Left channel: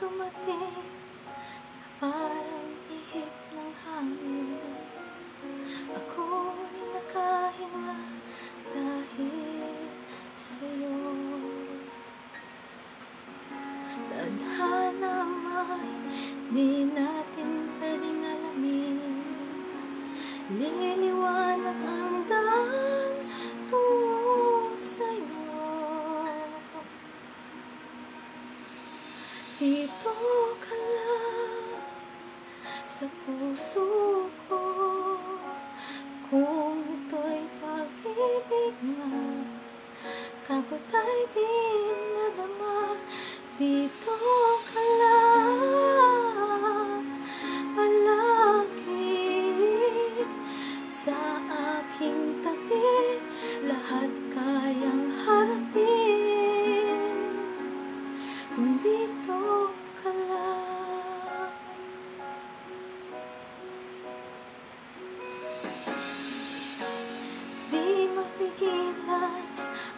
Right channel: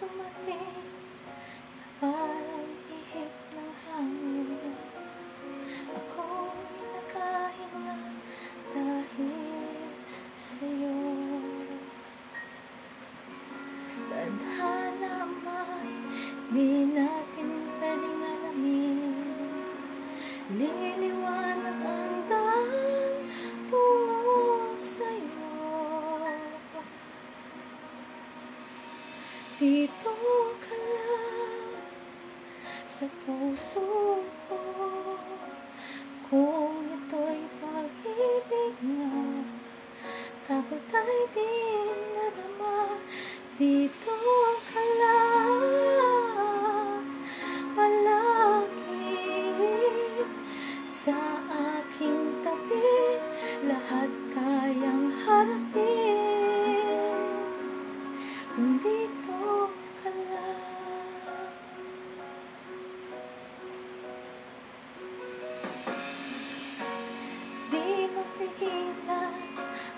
dumating na parang ihip ng hangin. Ako'y nakahinga dahil sa'yo. Tadhana man, di natin pwedeng alamin. Liliwanag ang daan tungo sa'yo. Dito ka lang sa puso ko. Kung ito'y pag-ibig nga, takot ay di nadama. Dito ka lang palagi sa aking tabi. Lahat kayang harapin kung dito ka lang. Di mapigilan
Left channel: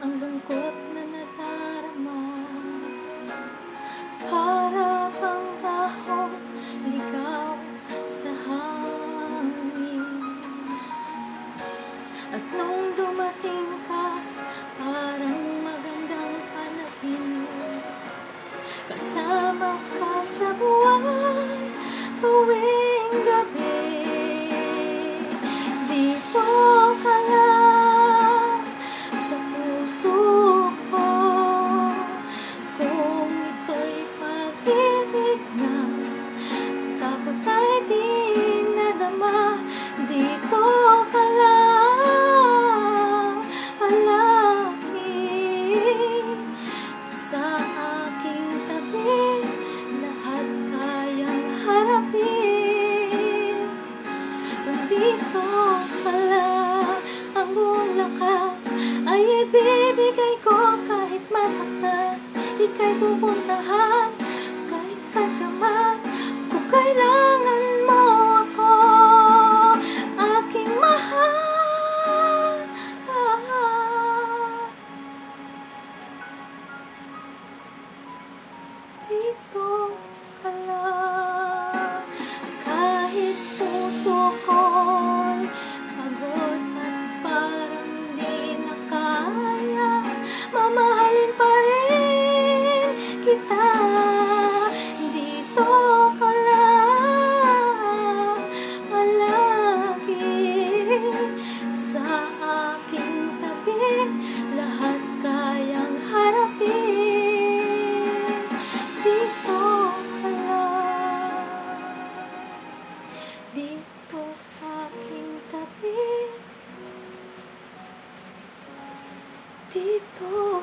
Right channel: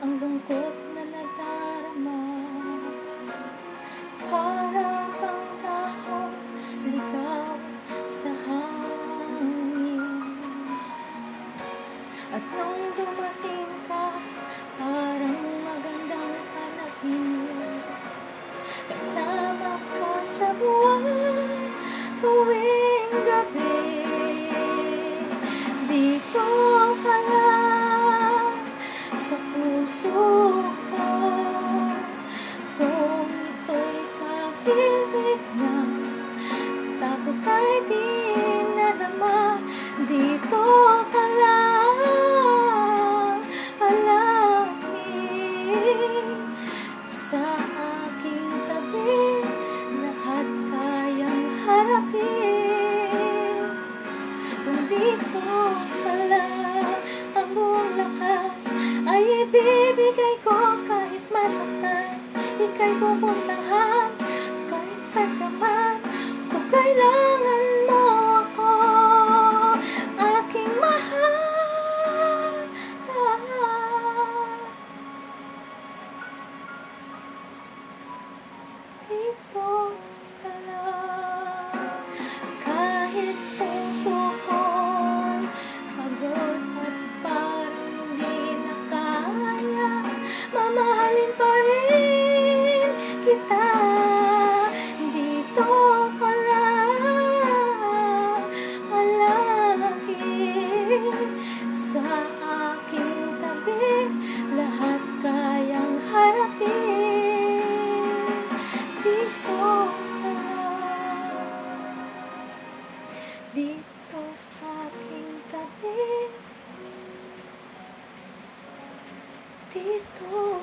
ang lungkot na nadarama. Para bang dahon ligaw sa hangin. At nung dumating ka, parang magandang panaginip. Kasama ka sa buwan tuwing gabi. Dito ka lang sa puso ko. Kung ito'y pag-ibig na, takot ay di nadama. Dito ka lang palagi sa aking tabi. Lahat kayang harapin kung dito ka lang. Ang buong lakas ay ibibigay ko kahit masaktan. Ika'y pupuntahan kahit saan ka man. Kung kailangan mo ako, aking mahal. Dito ka lang. Kahit puso ko'y pagod at parang di na kaya, mamahalin pa rin kita. Dito ka lang palagi sa aking tabi. Lahat kayang harapin. Dito ka lang, dito sa aking tabi. Dito